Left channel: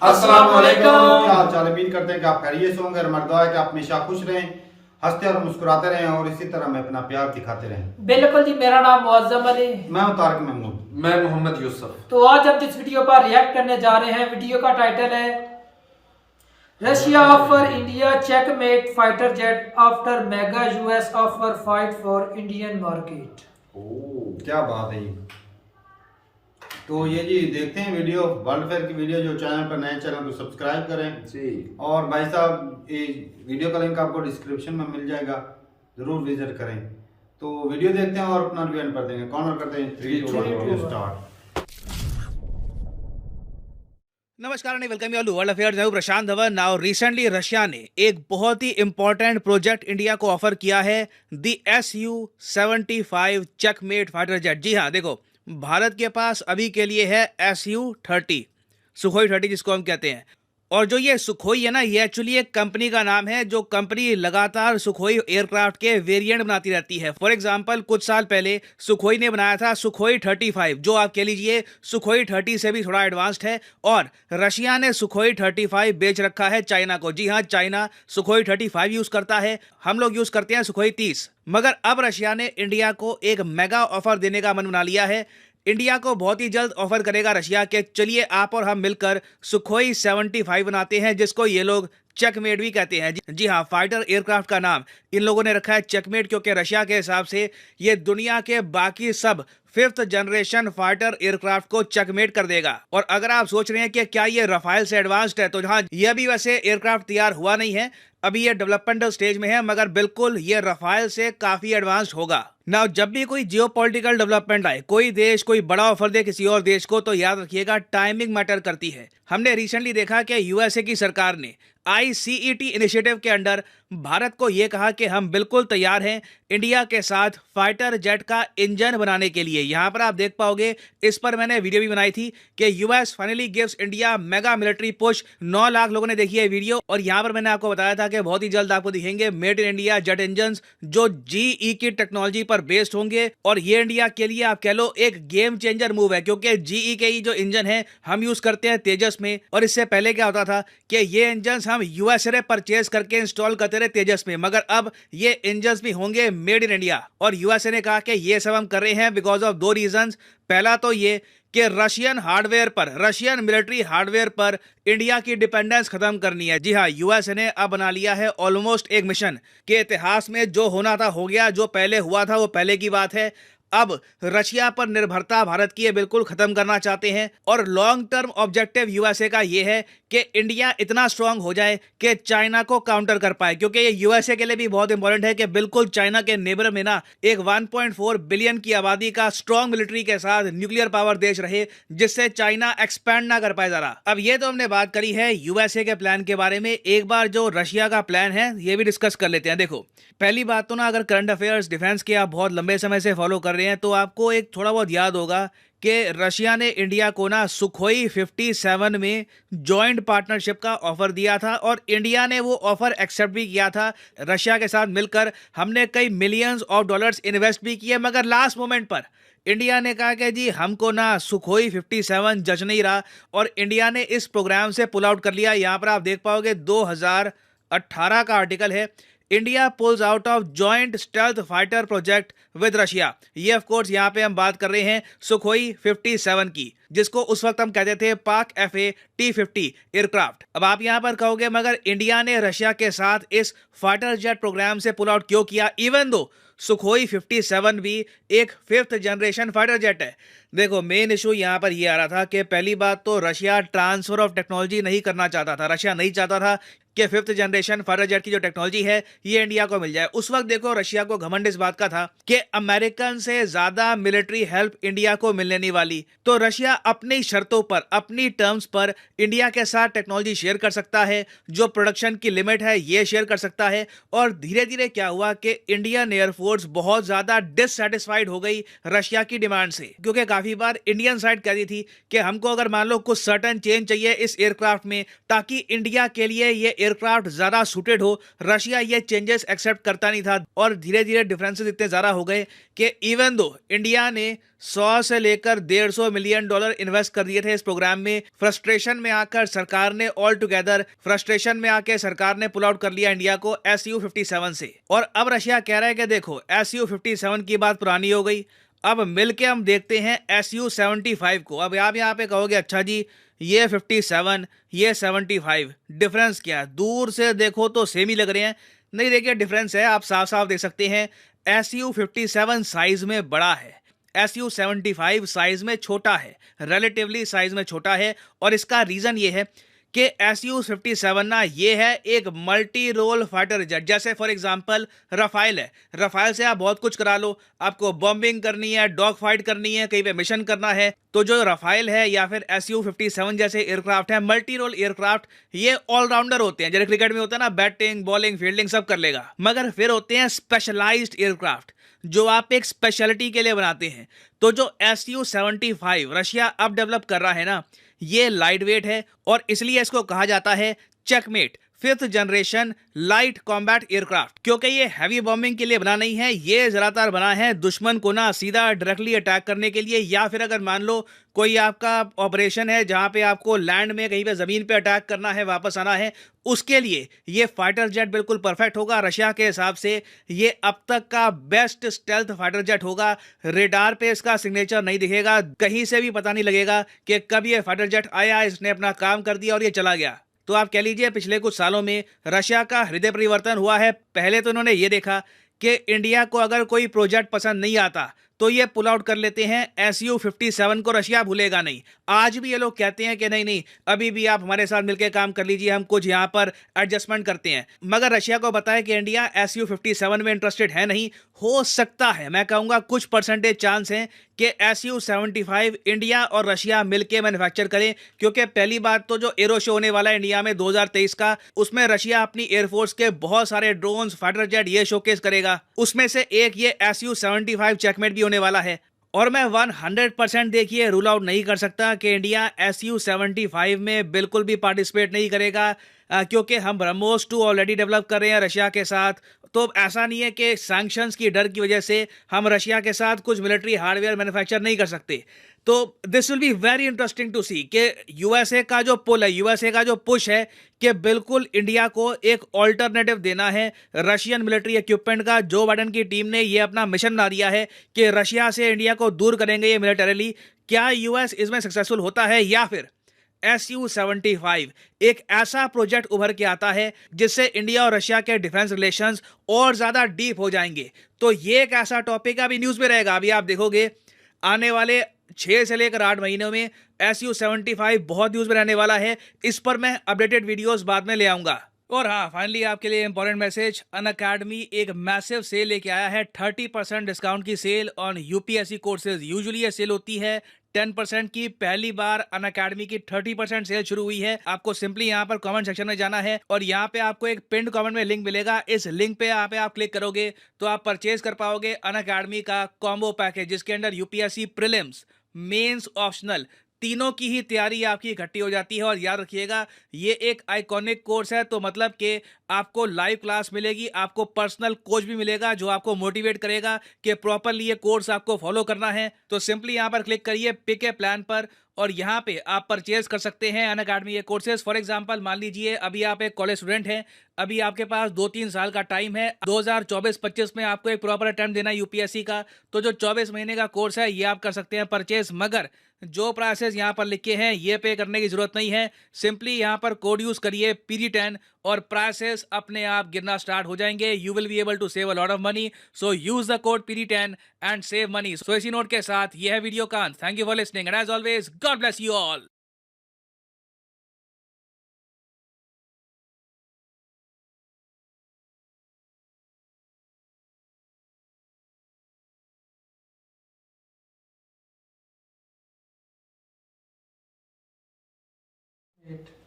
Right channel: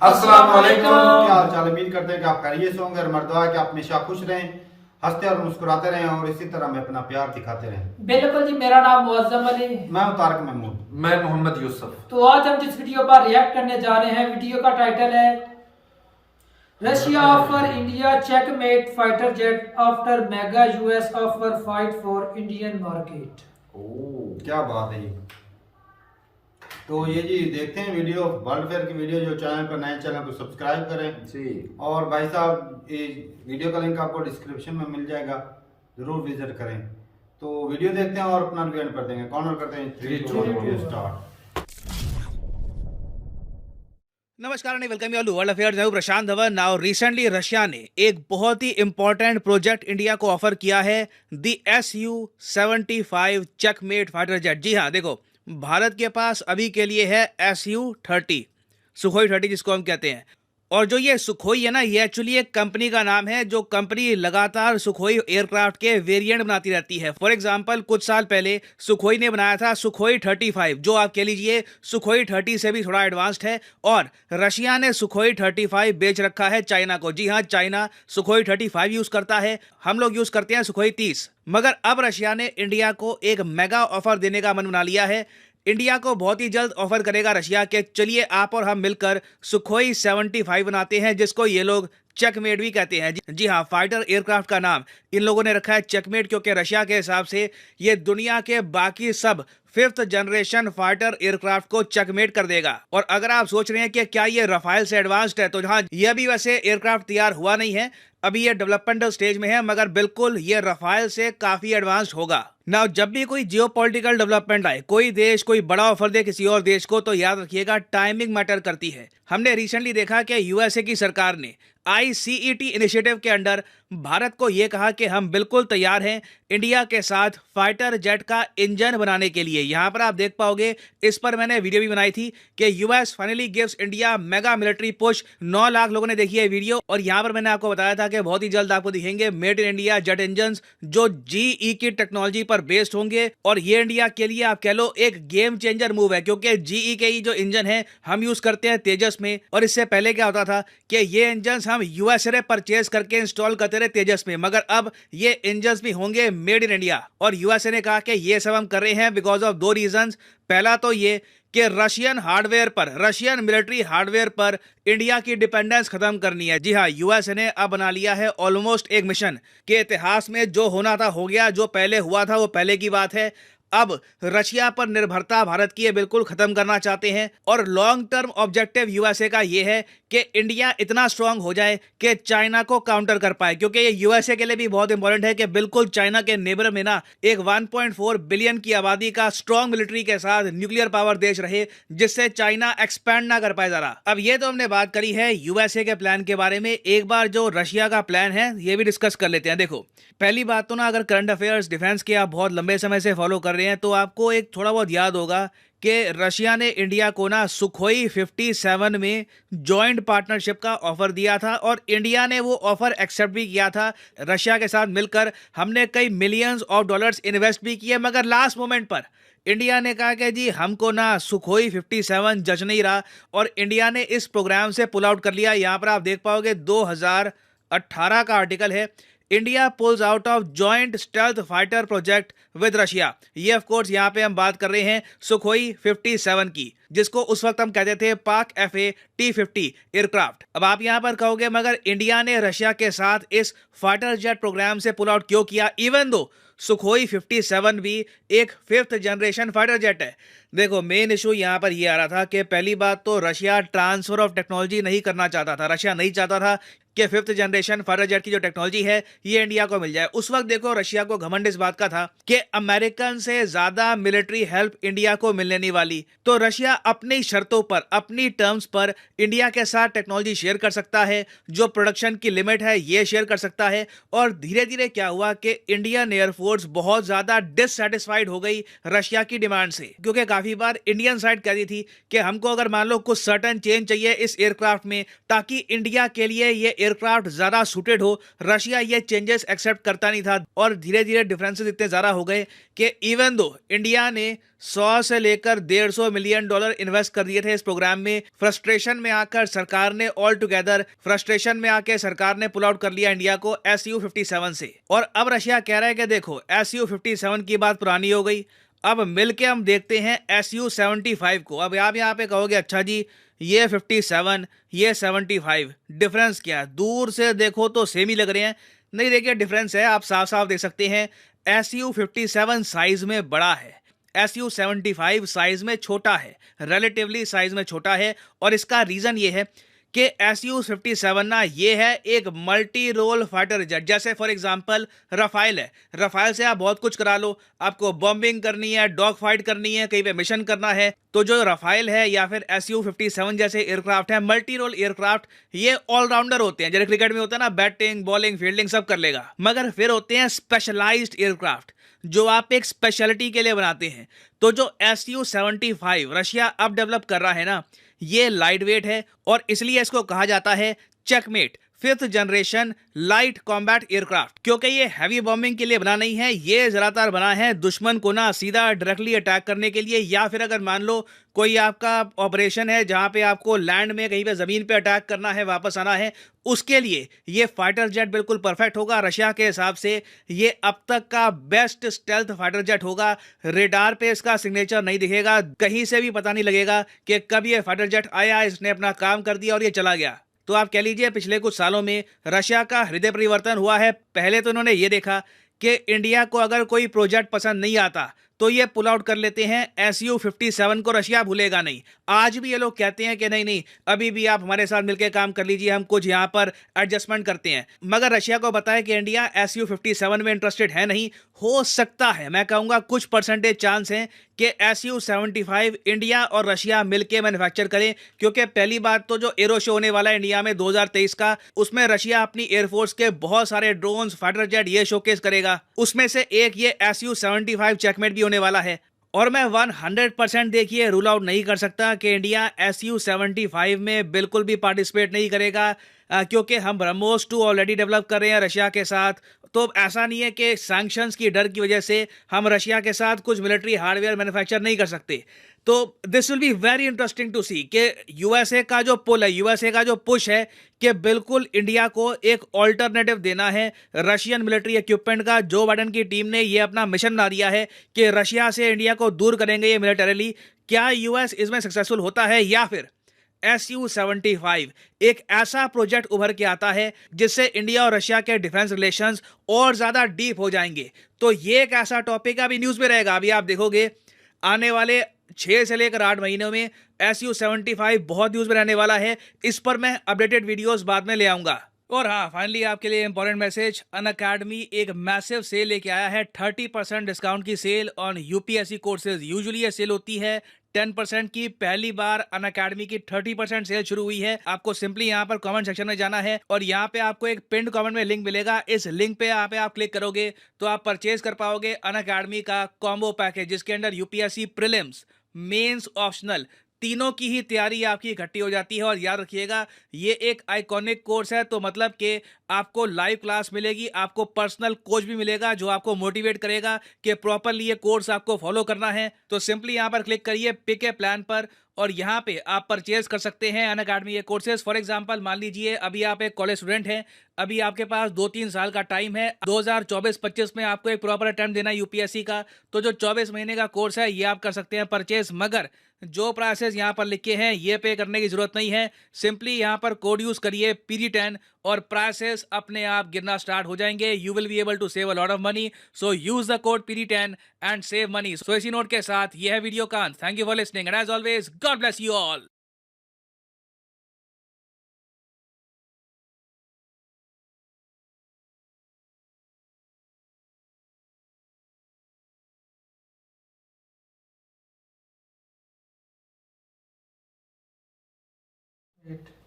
अस्सलाम वालेकुम। क्या हाल चाल, उम्मीद करते हैं कि आप खैरियत से होंगे। हमारी दुआ है कि आप हमेशा खुश रहें, हंसते और मुस्कुराते रहें और इसी तरह में अपना प्यार दिखाते रहें। बिल्कुल जी, मेरा नाम मुअज्जम अली। मैं हूं तारिक महमूद। मैं मोहम्मद यूसुफ। तो आज हम जिस वीडियो पर रिएक्ट करने जा रहे हैं, वीडियो का टाइटल है Russia offer India checkmate fighter jet after mega US offer fight for Indian market. क्या बात है ये। तो ये जी देखते हैं वीडियो, वर्ल्ड फेयर की वीडियो। जो चैनल पर नए, चैनल को सब्सक्राइब करें जी। और भाई साहब ये वीडियो का लिंक आपको डिस्क्रिप्शन में मिल जाएगा, ज़रूर विजिट करें। तो वीडियो देखते हैं और अपना रिव्यू कर देंगे। कॉर्नर करते हैं 3 2 1 वीडियो स्टार्ट। नमस्कार and welcome you all to world affairs. मैं हूं Prashant Dhawan. Now recently Russia ने एक बहुत ही इंपॉर्टेंट प्रोजेक्ट इंडिया को ऑफर किया है, the Su-75 checkmate fighter jet. जी हाँ, देखो, भारत के पास अभी के लिए है Su-30, सुखोई 30 जिसको हम कहते हैं। और जो ये सुखोई है ना, ये एक्चुअली एक कंपनी का नाम है। जो कंपनी लगातार सुखोई एयरक्राफ्ट के वेरिएंट बनाती रहती है। फॉर एग्जांपल, कुछ साल पहले सुखोई ने बनाया था सुखोई 35, जो आप कह लीजिए सुखोई 30 से भी थोड़ा एडवांस्ड है। और रशिया ने सुखोई 35 बेच रखा है चाइना को। जी हाँ, चाइना सुखोई 35 यूज करता है, हम लोग यूज करते हैं सुखोई 30। मगर अब रशिया ने इंडिया को एक मेगा ऑफर देने का मन बना लिया है। इंडिया को बहुत ही जल्द ऑफर करेगा रशिया के, चलिए आप और हम मिलकर सुखोई 75 बनाते हैं, जिसको ये लोग चेकमेट भी कहते हैं। जी हाँ, फाइटर एयरक्राफ्ट का नाम इन लोगों ने रखा है चेकमेट, क्योंकि रशिया के हिसाब से ये दुनिया के बाकी सब 5th जनरेशन फाइटर एयरक्राफ्ट को चेकमेट कर देगा। और अगर आप सोच रहे हैं कि क्या ये रफाल से एडवांस्ड है, तो हाँ, ये भी वैसे एयरक्राफ्ट तैयार हुआ नहीं है, अभी ये डेवलपमेंटल स्टेज में है, मगर बिल्कुल ये रफाल से काफी एडवांस्ड होगा। ना जब भी कोई जियोपॉलिटिकल डेवलपमेंट आए, कोई देश कोई बड़ा ऑफर दे किसी और देश को, तो याद रखिएगा टाइमिंग मैटर करती है। हमने रिसेंटली देखा कि यूएसए की सरकार ने ICET इनिशिएटिव के अंडर भारत को यह कहा कि हम बिल्कुल तैयार हैं इंडिया के साथ फाइटर जेट का इंजन बनाने के लिए। यहां पर आप देख पाओगे, इस पर मैंने वीडियो भी बनाई थी कि US finally gives India mega military push. 9 lakh लोगों ने देखी है वीडियो। और यहां पर मैंने आपको बताया था कि बहुत ही जल्द आपको दिखेंगे made in India jet engine, जो GE की टेक्नोलॉजी पर बेस्ड होंगे। और ये इंडिया के लिए आप कह लो एक गेम चेंजर मूव है, क्योंकि GE के ही जो इंजन है हम यूज करते हैं तेजस में। और इससे पहले क्या होता था कि ये इंजन हम यूएसए परचेज करके इंस्टॉल करते रहे तेजस में, मगर अब ये इंजन भी होंगे मेड इन इंडिया। और यूएसए ने कहा कि ये सब हम कर रहे हैं बिकॉज ऑफ 2 रीजंस। पहला तो ये कि रशियन हार्डवेयर पर, रशियन मिलिट्री हार्डवेयर पर इंडिया की डिपेंडेंस खत्म करनी है। जी हाँ, यूएसए ने अब बना लिया है ऑलमोस्ट एक मिशन के इतिहास में जो होना था हो गया, जो पहले हुआ था वो पहले की बात है। अब रशिया पर निर्भरता भारत की बिल्कुल खत्म करना चाहते हैं। और लॉन्ग टर्म ऑब्जेक्टिव यूएसए का यह है कि इंडिया इतना स्ट्रांग हो जाए कि चाइना को काउंटर कर पाए, क्योंकि ये यूएसए के लिए भी बहुत इंपॉर्टेंट है कि बिल्कुल चाइना के नेबर में ना एक 1.4 बिलियन की आबादी का स्ट्रांग मिलिट्री के साथ न्यूक्लियर पावर देश रहे, जिससे चाइना एक्सपैंड ना कर पाए जरा। अब ये तो हमने बात करी है यूएसए के प्लान के बारे में, एक बार जो रशिया का प्लान है ये भी डिस्कस कर लेते हैं। देखो, पहली बात तो ना, अगर करंट अफेयर्स डिफेंस के आप बहुत लंबे समय से फॉलो कर रहे हैं तो आपको एक थोड़ा बहुत याद होगा कि रशिया ने इंडिया को ना सुखोई 57 में जॉइंट पार्टनरशिप का ऑफर दिया था, और इंडिया ने वो ऑफर एक्सेप्ट भी किया था। रशिया के साथ मिलकर हमने कई मिलियंस ऑफ डॉलर्स इन्वेस्ट भी किए, मगर लास्ट मोमेंट पर इंडिया ने कहा कि जी हमको ना सुखोई 57 जच नहीं रहा, और इंडिया ने इस प्रोग्राम से पुल आउट कर लिया। यहाँ पर आप देख पाओगे 2018 का आर्टिकल है, India pools out of joint stealth fighter project with Russia. ये ऑफ कोर्स यहाँ पे हम बात कर रहे हैं सुखोई 57 की, जिसको उस वक्त हम कहते थे पाक FA T-50 एयरक्राफ्ट। अब आप यहाँ पर कहोगे मगर इंडिया ने रशिया के साथ इस फाइटर जेट प्रोग्राम से पुल आउट क्यों किया, इवन दो सुखोई 57 भी एक 5th जनरेशन फाइटर जेट है। देखो, मेन इशू यहाँ पर ये आ रहा था कि पहली बात तो रशिया ट्रांसफर ऑफ टेक्नोलॉजी नहीं करना चाहता था। रशिया नहीं चाहता था कि 5th जनरेशन फाइटर जेट की जो टेक्नोलॉजी है ये इंडिया को मिल जाए। उस वक्त देखो, रशिया को घमंड इस बात का था कि अमेरिकन से ज्यादा मिलिट्री हेल्प इंडिया को मिलने नहीं वाली, तो रशिया अपनी शर्तों पर, अपनी टर्म्स पर इंडिया के साथ टेक्नोलॉजी शेयर कर सकता है, जो प्रोडक्शन की लिमिट है ये शेयर कर सकता है। और धीरे धीरे क्या हुआ कि इंडियन एयरफोर्स बहुत ज्यादा डिससेटिस्फाइड हो गई रशिया की डिमांड से, क्योंकि काफी बार इंडियन साइड कहती थी कि हमको अगर मान लो कुछ सर्टेन चेंज चाहिए इस एयरक्राफ्ट में, ताकि इंडिया के लिए ये एयरक्राफ्ट ज्यादा सूटेड हो, रशिया ये चेंजेस एक्सेप्ट करता नहीं था और धीरे धीरे डिफरेंसेस इतने ज्यादा हो गए कि इवन दो इंडिया ने 100 से लेकर 150 मिलियन डॉलर इन्वेस्ट कर दिए थे इस प्रोग्राम में, फ्रस्ट्रेशन में आकर सरकार ने पुल आउट कर लिया इंडिया को Su-57 से। और अब रशिया कह रहा है कि देखो Su-57 की बात पुरानी हो गई, अब मिलके हम देखते हैं Su-75 को। अब आप यहाँ पे कहोगे अच्छा जी ये 57 ये 75 डिफरेंस क्या है? दूर से देखो तो सेम ही लग रहे हैं। नहीं, देखिए डिफरेंस है, आप साफ साफ देख सकते हैं। Su-57 साइज में बड़ा है, Su-75 साइज में छोटा है, रिलेटिवली साइज में छोटा है। और इसका रीजन ये है कि Su-57 ना ये है एक मल्टी रोल फाइटर जेट। जैसे फॉर एग्जांपल रफाइल है, रफाइल से आप बहुत कुछ करा लो, आपको बॉम्बिंग करनी है, डॉग फाइट करनी है, कहीं पे मिशन करना है, तो जो रफाइल है या फिर Su-57 जैसे एयरक्राफ्ट है, मल्टी रोल एयरक्राफ्ट, ये ऑलराउंडर होते हैं। जैसे क्रिकेट में होता है ना, बैटिंग बॉलिंग फील्डिंग सब कर लेगा। मगर फिर होते हैं स्पेशलाइज्ड एयरक्राफ्ट जो आप एक स्पेशलिटी के लिए बनाते हैं। तो जो Su-75 रशिया अब डेवलप कर रहा है ना, ये लाइट वेट है और इसलिए इसको कहा जाता है checkmate 5th generation light combat aircraft, क्योंकि ये हैवी बॉम्बिंग के लिए बना नहीं है। ये ज्यादातर बना है दुश्मन को ना सीधा डायरेक्टली अटैक करने के लिए, या फिर अगर मान लो कोई आपका ऑपरेशन है जहां पे आपको लैंड में कहीं पे जमीन पे अटैक करना है, वापस आना है, उसके लिए ये फाइटर जेट बिल्कुल परफेक्ट होगा। रशिया के हिसाब से ये अब तक का बेस्ट स्टेल्थ फाइटर जेट होगा। रेडार पे इसका सिग्नेचर नहीं दिखेगा, कहीं से भी पता नहीं लगेगा कि कब ये फाइटर जेट आया, इसने अपना काम कर दिया और ये चला गया। तो आप कह लीजिए पिछले कुछ सालों में रशिया का हृदय परिवर्तन हुआ है। पहले तो इन्होंने ये देखा कि इंडिया को अगर कोई प्रोजेक्ट पसंद नहीं आता तो ये पुल आउट कर लेते हैं। Su-57 को रशिया भूलेगा नहीं। आज भी ये लोग कहते हैं कि नहीं नहीं, अभी भी आप हमारे साथ मिलकर काम कर लीजिए, हम कुछ यहाँ पर एडजस्टमेंट करते हैं। मगर रशिया को बताया कि इंडिया Su-57 में इंटरेस्टेड है नहीं। हो सकता है, मैं कहूँगा कुछ परसेंटेज चांस है कि Su-75 इंडिया और रशिया मिलकर मैन्युफैक्चर करें, क्योंकि पहली बात तो जो एरो शो होने वाला है इंडिया में 2023 का, उसमें रशिया अपनी एयरफोर्स के बहुत सारे ड्रोन्स, फाइटर जेट ये शोकेस करेगा। उसमें से एक ये Su-75 चेकमेट भी होने वाला है। और मैं 100% देखिए रूल आउट नहीं कर सकता कि इंडिया Su-75 में बिल्कुल भी पार्टिसिपेट नहीं करेगा, क्योंकि हम ब्रह्मोस 2 ऑलरेडी डेवलप कर रहे हैं रशिया के साथ। तो ऐसा नहीं है कि सैंक्शंस की डर की वजह से हम रशिया के साथ कुछ मिलिट्री हार्डवेयर मैन्युफैक्चर नहीं कर सकते। तो this will be very interesting to see कि यूएसए का जो पुल है, यूएसए का जो पुश है कि बिल्कुल इंडिया को एक ऑल्टरनेटिव देना है रशियन मिलिट्री इक्विपमेंट का। जो बाइडेन की टीम ने ये अपना मिशन बना दिया है कि रशिया से इंडिया को दूर करेंगे ये मिलिटरीली। क्या यूएस इसमें सक्सेसफुल होता है, या फिर Su-75 एक ऐसा प्रोजेक्ट उभर के आता है जिससे इंडिया और रशिया के डिफेंस रिलेशंस और ज्यादा डीप हो जाएंगे? तो ये एक ऐसा टॉपिक अभी न्यूज में रहेगा। अभी आप देखोगे आने वाले 6 से लेकर 8 महीनों में Su-75 बहुत न्यूज में रहने वाला है। इस पर मैं अपडेटेड वीडियोस बाद में ले आऊंगा। और हाँ, फाइनली आपके लिए इंपॉर्टेंट मैसेज, अनअकैडमी एक मैसिव सेल लेके आया है। 30% डिस्काउंट की sale on UPSC courses. Usually ये सेल होती है 10% की, पहली बार अनअकैडमी की 30% सेल शुरू हुई है। आपको सिंपली यहाँ पर कमेंट सेक्शन में जाना है और यहाँ पे आपको एक पिन्ड कमेंट में लिंक मिलेगा। इस लिंक पे आप क्लिक करोगे तो आप परचेज कर पाओगे अनअकैडमी का कॉम्बो पैकेज, जिसके अंदर यूपीएससी प्रीलिम्स, मेंस, ऑप्शनल तीनों की ही तैयारी आपकी इकट्ठी हो जाती है। और याद रखिएगा ये एक आइकॉनिक कोर्स है, तो मतलब कि आपको लाइव क्लास मिलेगी, आपको पर्सनल कोच भी मिलेगा जो आपको मोटिवेट करेगा कि प्रॉपरली ये कोर्स आपको फॉलो करना है। तो सिंपली यहाँ पर क्लिक करिए पिक ए प्लान पर और यहाँ पे आप परचेज कर सकते हैं अनअकैडमी ये कोर्सेज। फॉर एग्जांपल मान लीजिए अभी आप एक कॉलेज स्टूडेंट हैं, अभी आपके पास 2-3 साल का टाइम है, 2024-25 में आपको एक प्रॉपर अटेम्प्ट देना है यूपीएससी का। तो जो 24 महीने का कोर्स है ये आप कर सकते हैं परचेज। मगर जो प्राइसेस यहाँ पर लिखे हैं ये पे करने की जरूरत नहीं है। सिंपली यहाँ पर कोड यूज करिए PD10 और प्राइसेस अपने आप गिरना स्टार्ट हो जाएंगे। You will be able to save a lot of money, so use the code PD10 and save money. So इसी नोट के साथ ये है वीडियो का। Thank you for listening and as always God bless you all.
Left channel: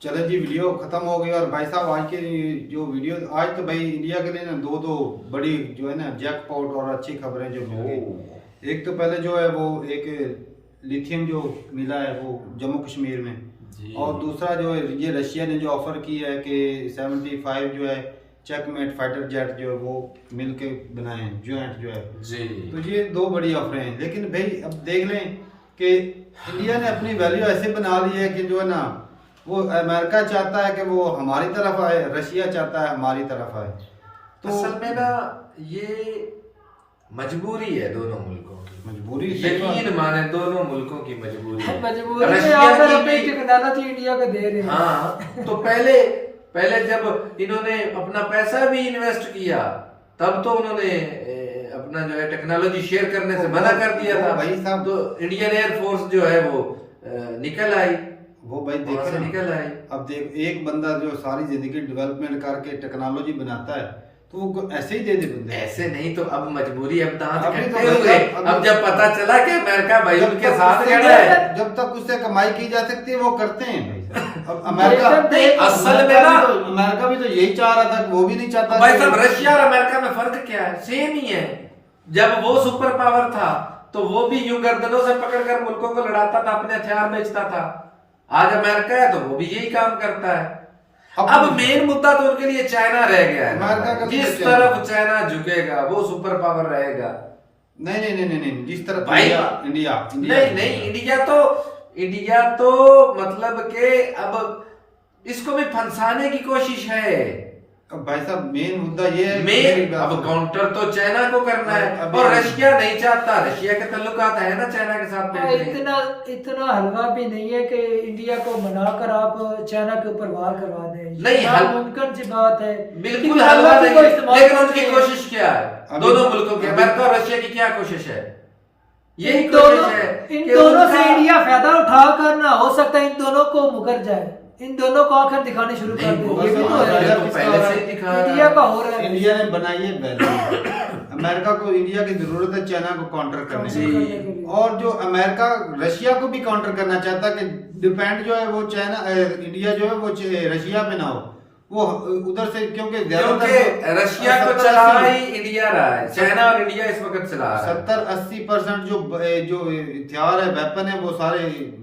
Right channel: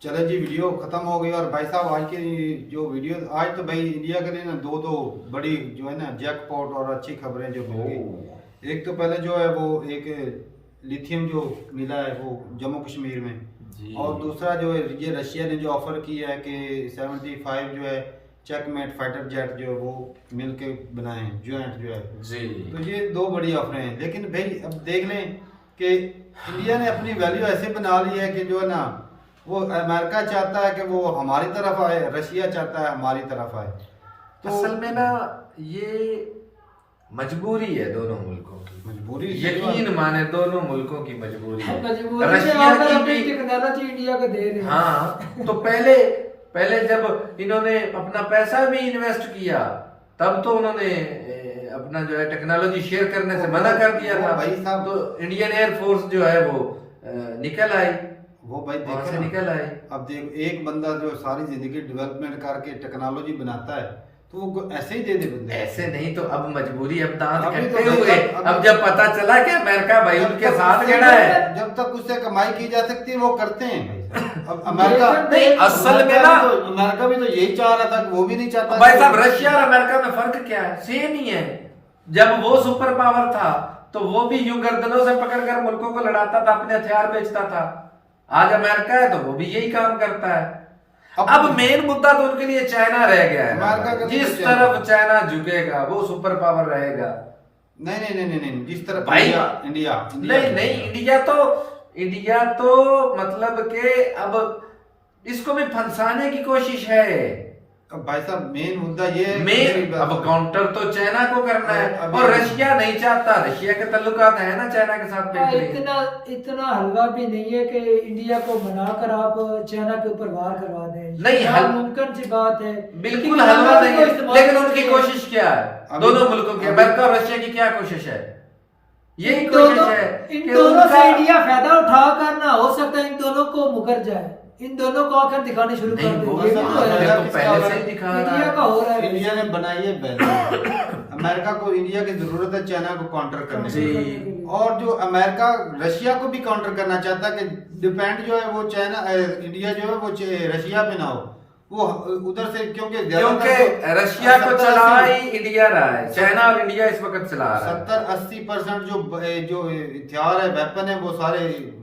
चले जी, video खत्म हो गई। और भाई साहब आज के जो वीडियो, आज तो भाई इंडिया के लिए ना दो बड़ी जो है ना जैकपॉट और अच्छी खबरें जो मिल गई। एक तो पहले जो है वो एक लिथियम जो मिला है वो जम्मू कश्मीर में, जी। और दूसरा जो है ये रशिया ने जो ऑफर किया है कि 75 जो है चेकमेट फाइटर जेट जो है वो मिल के बनाए हैं ज्वाइंट जो है। जी। तो ये दो बड़ी ऑफरें हैं, लेकिन भाई अब देख लें कि इंडिया ने अपनी वैल्यू ऐसे बना ली है कि जो है ना वो अमेरिका चाहता है कि वो हमारी तरफ आए, रशिया चाहता है हमारी तरफ आए। तो असल में ना ये मजबूरी है दोनों मुल्कों की, मजबूरी यकीन माने दोनों मुल्कों की मजबूरी है। मजबूरी है, रशिया अगर की अपनी भी, टेक्नोलॉजी इंडिया को दे रहे हैं। हाँ तो पहले जब इन्होंने अपना पैसा भी इन्वेस्ट किया तब तो उन्होंने अपना जो है टेक्नोलॉजी शेयर करने से मना कर दिया था। भाई साहब, तो इंडियन एयरफोर्स जो है वो निकल आई, वो भाई वहाँ देखे से ना, निकल आई। अब देख एक बंदा जो सारी जिंदगी डेवलपमेंट करके टेक्नोलॉजी बनाता है तो वो ऐसे ही दे दे बंदे। ऐसे नहीं तो अब मजबूरी, अब दांत अभी तो कटते भाई हुए, साहब, अब जब पता चला कि अमेरिका भाई जब उनके तक साथ उससे- खड़ा है। जब तक उससे कमाई की जा सकती है वो करते हैं भाई साहब। अब अमेरिका नहीं, असल में ना अमेरिका भी तो यही चाह रहा था, वो भी नहीं चाहता। भाई साहब रशिया और अमेरिका में फर्क क्या है? सेम ही है। जब वो सुपर पावर था तो वो भी यूं गर्दनों से पकड़कर मुल्कों को लड़ाता था, अपने हथियार बेचता था। आज अमेरिका है तो वो भी यही काम करता है। अब मेन मुद्दा तो उनके लिए चाइना रह गया है। अमेरिका का जिस तो तरफ चाइना झुकेगा वो सुपर पावर रहेगा। नहीं नहीं नहीं नहीं नहीं, जिस तरफ भाई इंडिया नहीं इंडिया तो मतलब के अब इसको भी फंसाने की कोशिश है। अब भाई साहब मेन मुद्दा ये है, मेन अब काउंटर तो चाइना को करना है, अभी- और रशिया नहीं चाहता। रशिया के ताल्लुकात है ना चाइना के साथ बेहतरीन। इतना हलवा भी नहीं है कि इंडिया को मनाकर आप चाइना के ऊपर वार करवा दें। नहीं, मुमकिन सी बात है, बिल्कुल हलवा नहीं है, लेकिन उनकी कोशिश कोशिश क्या है? दोनों मुल्कों की, अमेरिका और रशिया की क्या कोशिश है? यही कोशिश है इन कि दोनों से उनका- इंडिया फायदा उठा कर ना हो सकता है इन दोनों को मुकर जाए, इन दोनों को आंखें दिखानी शुरू कर नहीं, दे। वो ये तो भी हो रहा इंडिया है। तो पहले से ही दिखा रहा इंडिया है। का हो रहा है। इंडिया ने बनाई है वैल्यू। अमेरिका को इंडिया की जरूरत है चाइना को काउंटर करने जी। की, और जो अमेरिका रशिया को भी काउंटर करना चाहता है कि डिपेंड जो है वो चाइना इंडिया जो है वो रशिया पे ना हो, वो उधर से क्योंकि क्योंकि रशिया को चला ही इंडिया रहा है, चाइना और इंडिया इस वक्त चला रहा है। 70-80% जो हथियार है वेपन है वो सारे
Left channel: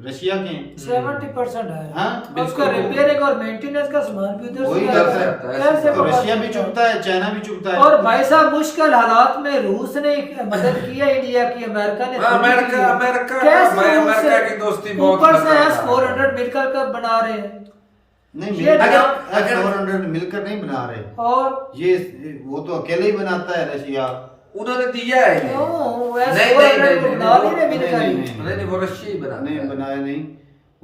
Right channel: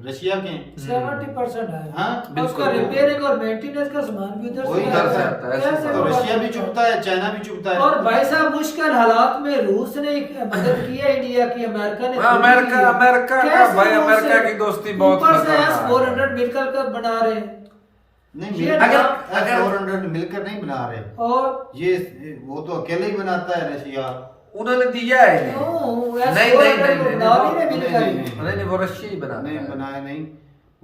रशिया के हैं। 70% है। हाँ, और उसका बिल्कुल। रिपेयरिंग और मेंटेनेंस का सामान भी उधर वही आता इधर है। से कैसे तो पता रशिया भी चलता है? चुभता है, चाइना भी चुभता है। और भाई साहब मुश्किल हालात में रूस ने मदद की है इंडिया की, अमेरिका ने हाँ, थोड़ी की है। अमेरिका कैसे भाई रूस अमेरिका से- की दोस्ती बहुत ऊपर से खतरनाक है। S-400 मिलकर कर बना रहे हैं। नहीं ये अगर- 400 मिलकर नहीं बना रहे, और ये वो तो अकेले ही बनाता है रशिया। उन्होंने दिया है इन्हें। क्यों? नहीं, S-400 बना भी नहीं नहीं, मिलकर नहीं, ही। नहीं। नहीं वो रशिया ही बनाता नहीं है। बनाया नहीं,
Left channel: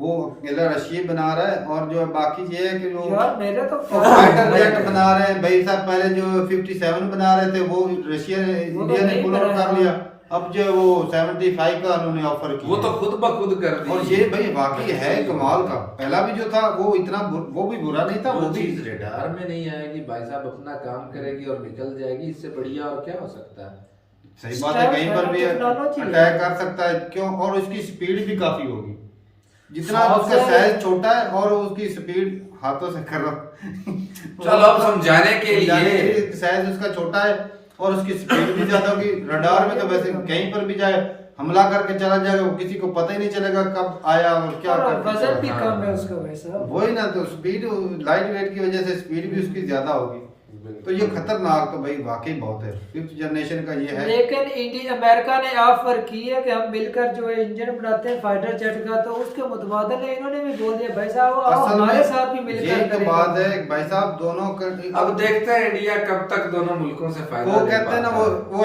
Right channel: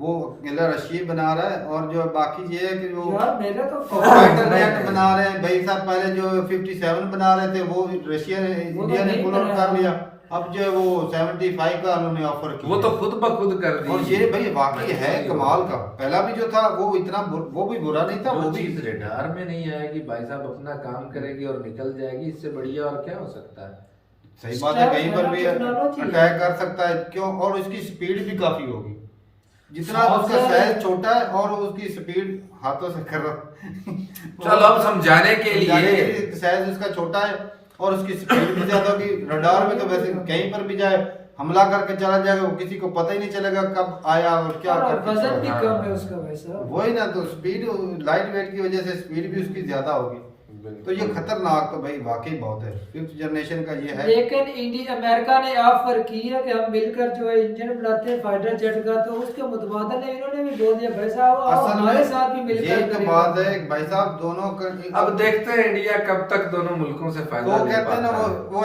वो अकेला रशिया ही बना रहा है। और जो बाकी ये है कि जो यार मेरे तो फाइटर नहीं, जेट नहीं। बना रहे हैं भाई साहब, पहले जो 57 बना रहे थे वो रशिया ने वो तो इंडिया ने नहीं पुल आउट बनाया। कर लिया। अब जो है वो 75 का उन्होंने ऑफर किया। वो तो खुद ब खुद कर दी। और ये भाई वाकई है कमाल का। पहला भी जो था वो इतना वो भी बुरा नहीं था, वो वो भी चीज रडार में नहीं आएगी भाई साहब, अपना काम करेगी और निकल जाएगी, इससे बढ़िया और क्या हो सकता है? सही बात है, कहीं पर भी टेक्नोलॉजी है। अटैक कर सकता है। क्यों? और उसकी स्पीड भी काफी होगी, जितना सबसे- उसका साइज छोटा है और उसकी स्पीड हाथों से कर रहा चलो अब समझाने के लिए साइज उसका छोटा है और उसकी स्पीड भी ज्यादा होगी। रडार में तो वैसे कहीं पर भी जाए हमला करके चला जाएगा, वो किसी को पता ही नहीं चलेगा कब आया और क्या और करके वजन भी चला। कम है उसका भाई साहब। वही ना, तो स्पीड लाइट वेट की वजह से स्पीड भी उसकी ज्यादा होगी। तो ये खतरनाक तो भाई वाकई बहुत है। 5th जनरेशन का ये है। लेकिन इंडिया अमेरिका ने ऑफर की है कि हम मिलकर जो है इंजन बनाते हैं फाइटर जेट का, तो उसके मुतबादल में इन्होंने भी बोल दिया भाई साहब आओ असल हमारे में साथ भी मिलकर ये तो करेंगे। बात है भाई साहब, दोनों का अब देखते हैं इंडिया कब तक दोनों मुल्कों से फायदा वो ले कहते हैं ना, पाता है। वो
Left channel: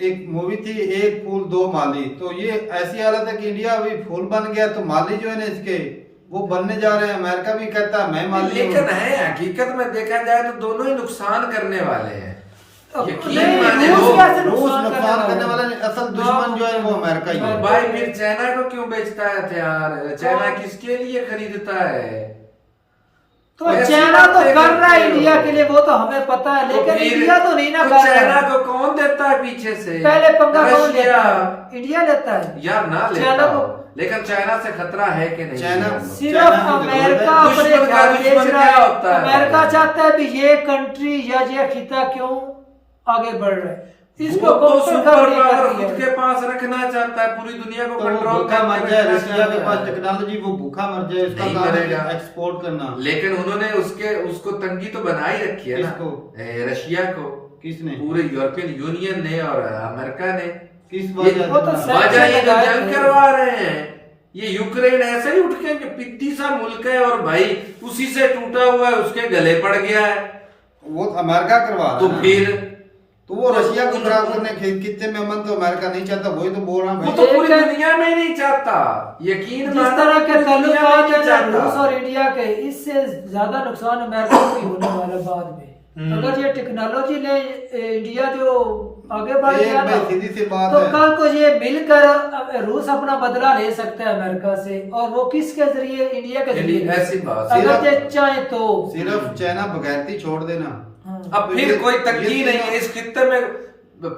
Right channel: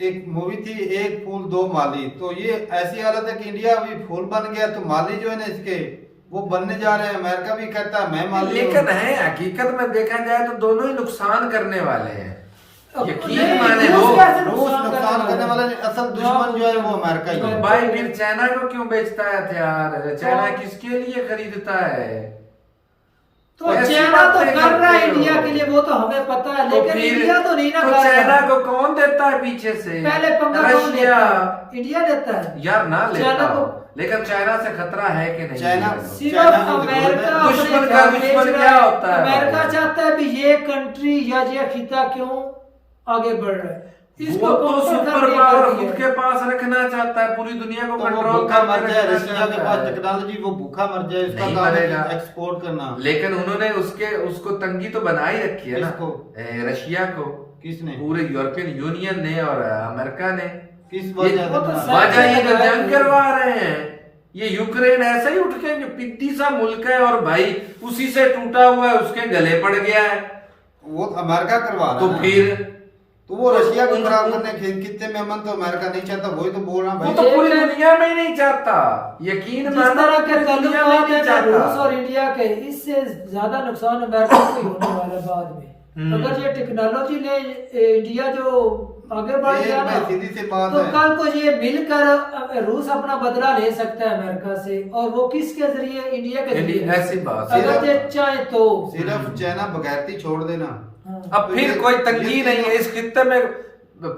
एक मूवी थी एक फूल दो माली। तो ये ऐसी हालत है कि इंडिया अभी फूल बन गया तो माली जो है ना इसके वो बनने जा रहे हैं। अमेरिका भी कहता है मैं माली हूँ। लेकिन है हकीकत में देखा जाए तो दोनों ही नुकसान करने वाले हैं। अब यकीन नहीं, माने रूस लोग, कैसे रूस नुकसान करने वाला नहीं, असल दुश्मन जो है वो अमेरिका ही है। भाई फिर चाइना को क्यों बेचता है हथियार? चाइना किसके लिए खरीदता है? तो ऐसी चाइना तो बातें कर रहा है करते हो। इंडिया के लिए, वो तो हमें पता है, तो लेकिन फिर- इंडिया तो नहीं ना तो कर चाइना रहा। को कौन देता है पीछे से? पहले पंगा कौन रशिया। लेता है? इंडिया लेता है यार ना लेता चाइना हो, को- लेकिन चाइना से खतरा है कि नहीं? चाइना- सिर्फ चाइना की जरूरत है। अमेरिका अपने दुश्मन का घर बेच दुश्मन रहा क्या है। होता है? अमेरिका चाहता है भी ये कंट्री या ये खिता क्यों आगे बढ़ रहा है। इसको वो तो conquer सुपर कर पावर दिया। खुद के पास रखना चाहता है, पूरी दुनिया को तो वो कंट्रोल भूखा मर करके जाए, रखना रशिया के चाहता पास है। टेक्नोलॉजी, वो भूखा मर जाए, उसका नहीं काम है मरेगा। एक्सपोर्ट करना। लेकिन उन्होंने उसको तंगी तो बना ही रखी है ना, किसको? रशिया को। किसने? पूरे यूरोपियन यूनियन ने और अमेरिका ने। किस वजह वो तो से? वजह ये जो जंग है। करवा रहे हैं, ये यूक्रेन ऐसा ही उठ के पिद्दी सा मुल्क है और भाई उसी से टूटा हुआ है, उसके गले पड़ गया है। वो तो अमेरिका करवा रहा तो है ना। फिर तो वो रशिया को खराब करने कितने में अमन तो अमेरिका नहीं चाहता, वही तो बोल रहा वो है तो भाई। पूरी दुनिया में ही नहीं चाहता, यकीन जिस मानो तरह के पूरी दुनिया में ताल्लुकात ही है नहीं ना रूस चाहता। और इंडिया के, इससे ज्यादा नुकसान अमेरिका को ही होने वाला बाद में। अगर ये टेक्नोलॉजी ने इंडिया जो आगे बढ़ एक गया भाई ना, सीधी सी बात तो है। कल को ये मिलकर रूस अपना बदला ले सकता है अमेरिका से, और वो किसके जरिए? इंडिया के जरिए। ऐसी बात। अगर ये चाहे तो सिर्फ चाइना बगैरती छोड़ देना। हाँ। अब फिर कोई तंगी ये नहीं है इस खित्ते में,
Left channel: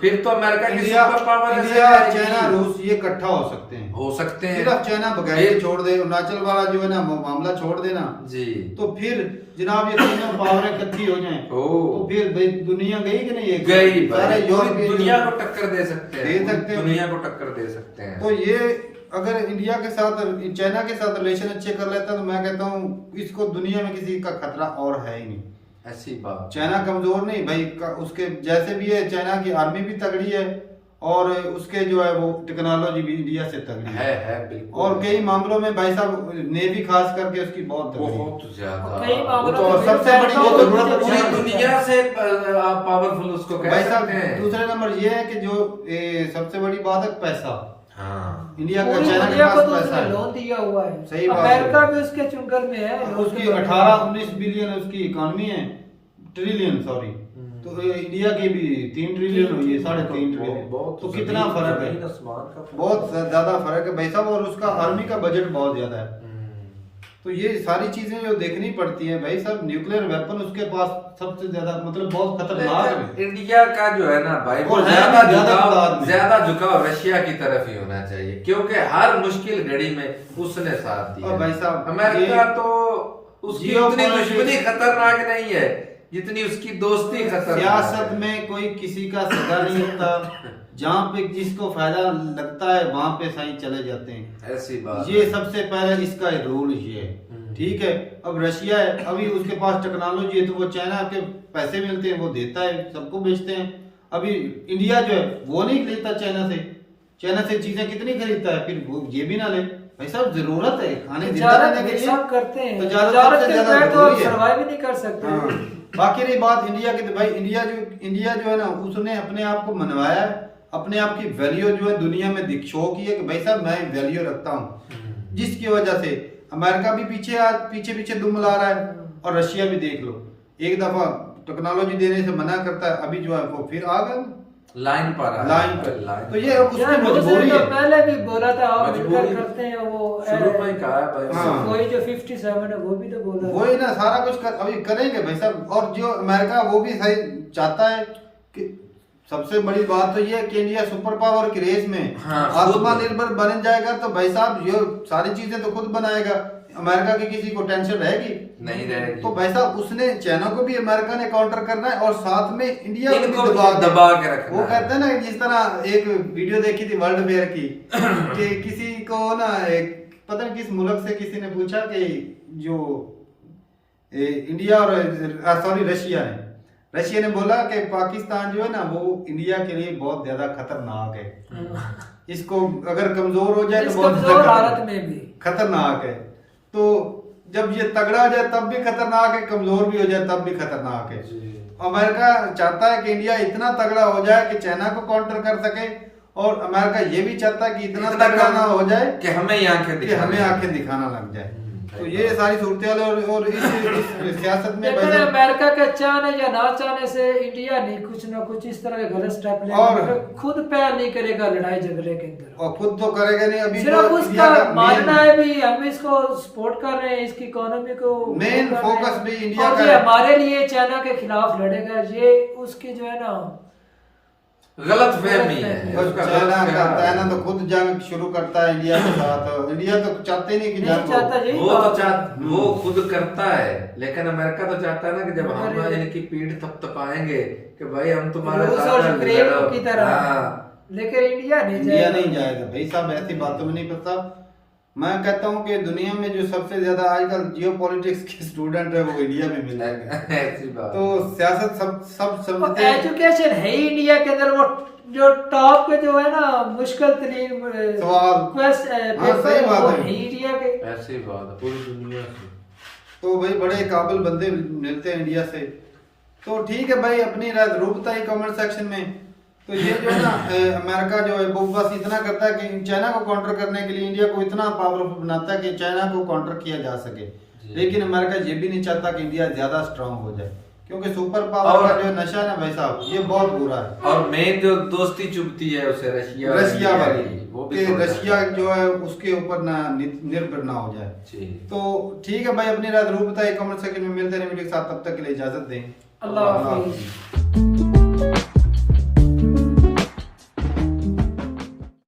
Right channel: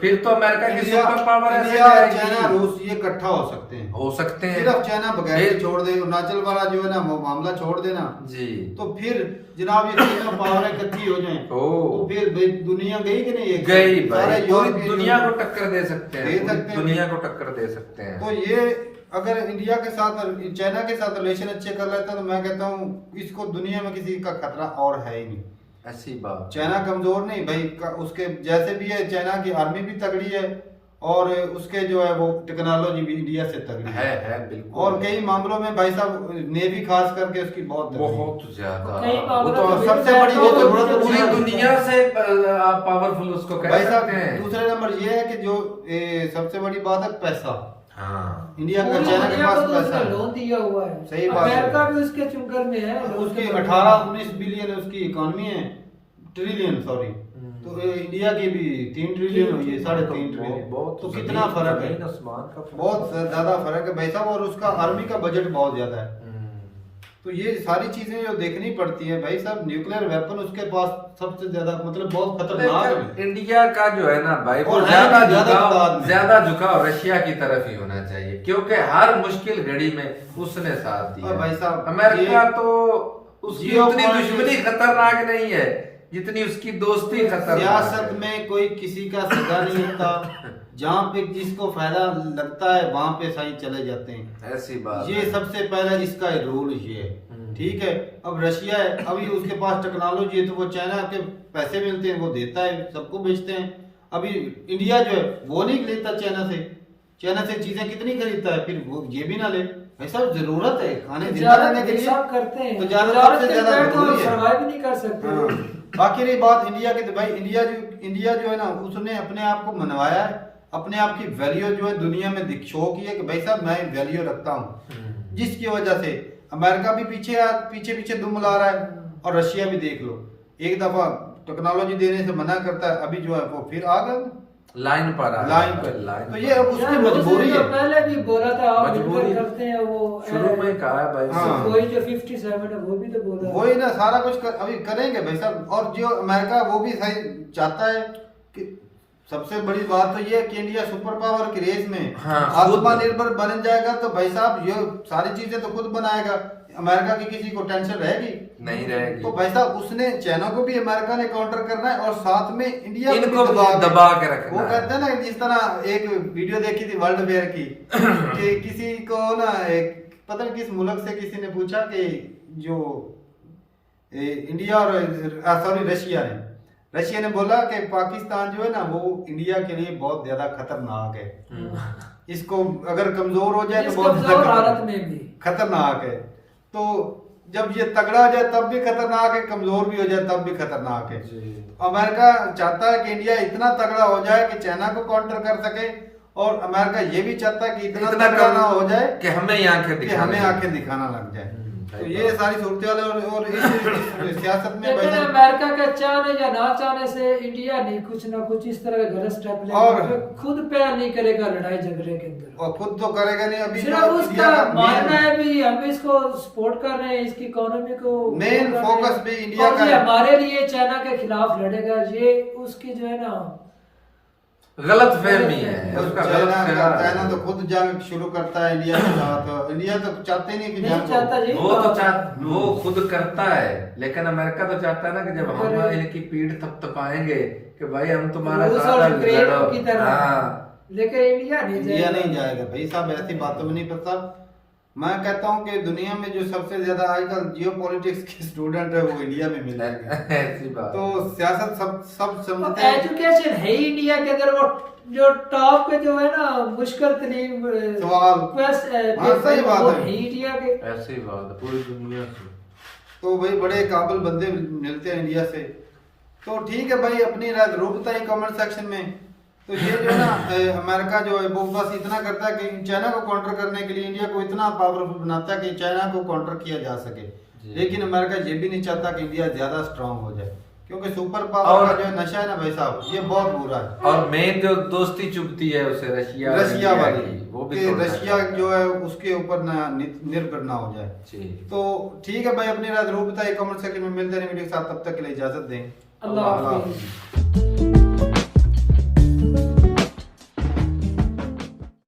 फिर तो अमेरिका की इंडिया, सुपर पावर ऐसे इंडिया, जाएगी। चाइना, रूस ये इकट्ठा हो सकते हैं। हो सकते हैं। सिर्फ चाइना बगैर छोड़ दे, अरुणाचल वाला जो है ना वो मामला छोड़ देना, जी। तो फिर जनाब ये तीनों पावरें इकट्ठी हो जाएं, तो फिर भाई दुनिया गई कि नहीं? एक गई सारे भाई, यूरोपीय दुनिया को टक्कर दे सकते हैं, दे सकते हैं। दुनिया को टक्कर दे सकते हैं। तो ये अगर इंडिया के साथ, चाइना के साथ रिलेशन अच्छे कर लेता है तो मैं कहता हूँ इसको दुनिया में किसी का खतरा और है ही नहीं। ऐसी बात। चाइना कमजोर नहीं भाई, उसके जैसे भी है, चाइना की आर्मी भी तगड़ी है और उसके जो है वो टेक्नोलॉजी भी इंडिया से तगड़ी है बिल्कुल। और कई मामलों में भाई साहब नेवी खास करके उसकी बहुत तगड़ी है। बहुत ज्यादा। कई वो मामलों तो में सबसे बड़ी वो जरूरत है पूरी पूरी दुनिया से आप पावरफुल उसको कह भाई साहब। सकते हैं। दूसरे नंबर ये है कि जो सबसे बड़ी बात है पैसा। हाँ। इंडिया का, पूरी चाइना के दुनिया पास को तो पैसा उसने है। लोन दिया हुआ है। सही बात है। अमेरिका भी उसके चुंगल में है। उसकी 18-19 बिलियन उसकी इकोनॉमी है, ट्रिलियन सॉरी। तो इंडिया की भी 3 ट्रिलियन हुई है, 3.5 ट्रिलियन। तो कितना फर्क है, बहुत ज्यादा फर्क है भाई साहब। और उसका आर्मी का बजट बहुत ज्यादा है। तो ये सारी चीजें जो देखनी पड़ती है भाई साहब। न्यूक्लियर वेपन उसके पास सबसे ज्यादा, मतलब बहुत खतरनाक है। इंडिया का जो है ना भाई, और है भी ज्यादा तादाद में। ज्यादा झुकाव रशिया की तरफ ही होना चाहिए, क्योंकि हर मुश्किल घड़ी में उसने साथ दिया। और भाई साहब, अमेरिका ये तो उसकी जियो उतनी पॉलिटिक्स- दुश्मनी खतरनाक नहीं है जितनी उसकी दोस्ती खतरनाक सियासत है। में कोई किसी का सगा नहीं होता। जहाँ पे जिसको फायदा लगता है वहां पे सही चले जाते हैं। ऐसी बात। ये सबसे पहले इसका रूल ये है, ठीक है। अब रशिया है, अभी उसके पास टेक्नोलॉजी है, तो वो चाइना के पैसे मिलते हैं, वो देता है, सबको बेचते हैं। अभी इंडिया जो है वो नहीं लेता चाइना से चीजें कितनी खरीदता है, फिर वो ये भी ना ले। भाई साहब जरूरत है खाने जिंदा रहने के लिए, करते हैं। तजारत सबसे ज्यादा जरूरी है। सर्वाइव भी नहीं कर सकते। हाँ। बाकी रही बात इंडिया की, तो भाई इंडिया जो है ना, उसने अपने आप को मनवाया है, अपने आप की वैल्यू जो है दुनिया में शो की है कि भाई साहब मैं वैल्यू रखता हूँ, जिसकी वजह से अमेरिका भी पीछे दुम ला रहा है। और रशिया भी देख लो, एक दफा टेक्नोलॉजी देने से मना करता है, अभी जो है वो फिर आ गया लाइन पर आ लाइन पर। लाइन तो ये अब उसकी यार, मजबूरी उसने है। तो पहले भी बोला था हम मजबूरी। मिलकर करते हैं वो शुरू में ही कहा है भाई। हाँ। कोई जो 57 है वो भी तो बोल रहा है। वही ना सारा कुछ अभी करेंगे भाई साहब। और जो अमेरिका वो भी सही चाहता है कि सबसे बड़ी बात तो ये है कि इंडिया सुपर पावर की रेस में हाँ, आत्मनिर्भर बन जाएगा, तो भाई साहब ये सारी चीजें तो खुद बनाएगा। अमेरिका की किसी को टेंशन रहेगी नहीं रहेगी। तो भाई साहब उसने चाइना को भी अमेरिका ने काउंटर करना है और साथ में इंडिया को इनको भी दबा के रखना वो है। कहते हैं ना, जिस तरह एक वीडियो देखी थी वर्ल्ड फेयर की कि किसी को ना एक पता नहीं किस मुल्क से किसी ने पूछा कि जो इंडिया और रशिया ने बोला कि पाकिस्तान जो है ना वो इंडिया के लिए बहुत ज्यादा खतरनाक है। इसको अगर कमजोर हो जाए तो इस बहुत कमजोर ज्यादा हालत में भी खतरनाक है। तो जब ये तगड़ा हो जाए तब भी खतरनाक है, कमजोर भी हो जाए तब भी खतरनाक है। अमेरिका चाहता है कि इंडिया इतना तगड़ा हो जाए कि चाइना को काउंटर कर सके, और अमेरिका ये भी चाहता है कि इतना तगड़ा ना हो जाए कि हमें आंखें दिखाना लग जाए। तो ये सारी सूरत और इस सियासत में लेकिन भाई साहब अमेरिका के चाहने या ना चाहने से इंडिया नहीं कुछ ना कुछ इस तरह के गलत स्टेप और लेगा, खुद पहल नहीं करेगा लड़ाई झगड़े के अंदर। और खुद तो करेगा नहीं। अभी सिर्फ जो इंडिया उसका का मानना है भी हम इसको सपोर्ट कर रहे हैं, इसकी इकोनॉमी को मेन फोकस भी इंडिया और का ये है। हमारे लिए चाइना के खिलाफ लड़ेगा, ये उसकी जो है ना गलत फहमी है और उसका चाइना गलत ख्याल चाइना है। तो खुद जंग शुरू करता है इंडिया के साथ। इंडिया तो चाहते ही नहीं कि नहीं जंग चाहता हो। यही वो तो बात है। वो खुद करता है, लेकिन अमेरिका तो चाहता है ना कि जब हम अरे। इनकी पीठ थपथपाएंगे कि भाई हम तुम्हारे रूस साथ और यूक्रेन लड़ो। की तरह। हाँ। लेकिन इंडिया नहीं इंडिया जाएगा। नहीं जाएगा भाई साहब, ऐसी बातों में नहीं पता। मैं कहता हूँ कि दुनिया में जो सबसे ज्यादा आजकल जियो पॉलिटिक्स के स्टूडेंट है वो इंडिया में मिल जाएंगे। ऐसी बात तो सियासत सब समझते हैं। एजुकेशन है ही इंडिया के अंदर, वो जो टॉप पे जो है ना मुश्किल तरीन सवाल। क्वेश्चन हाँ, सही बात वो है। है ही इंडिया के। ऐसी बात है पूरी दुनिया से। तो भाई बड़े काबिल बंदे मिलते हैं इंडिया से। तो ठीक है भाई, अपनी राय जरूर बताइए कमेंट सेक्शन में। तो ये जो है ना अमेरिका जो है वो बस इतना करता है कि चाइना को काउंटर करने के लिए इंडिया को इतना पावरफुल बनाता है कि चाइना को काउंटर किया जा सके। लेकिन अमेरिका ये भी नहीं चाहता कि इंडिया ज्यादा स्ट्रांग हो जाए, क्योंकि सुपर पावर का जो नशा है ना भाई साहब, ये बहुत बुरा है। और मेन जो दोस्ती चुभती है उसे रशिया वाली वो भी कि छोड़ना रशिया चाहिए। जो है उसके ऊपर ना निर्भर ना हो जाए। जी। तो ठीक है भाई, अपनी राय जरूर बताइए कमेंट सेक्शन में। मिलते हैं वीडियो के साथ, तब तक के लिए इजाजत दें। अल्लाह अल्लाह हाफिज।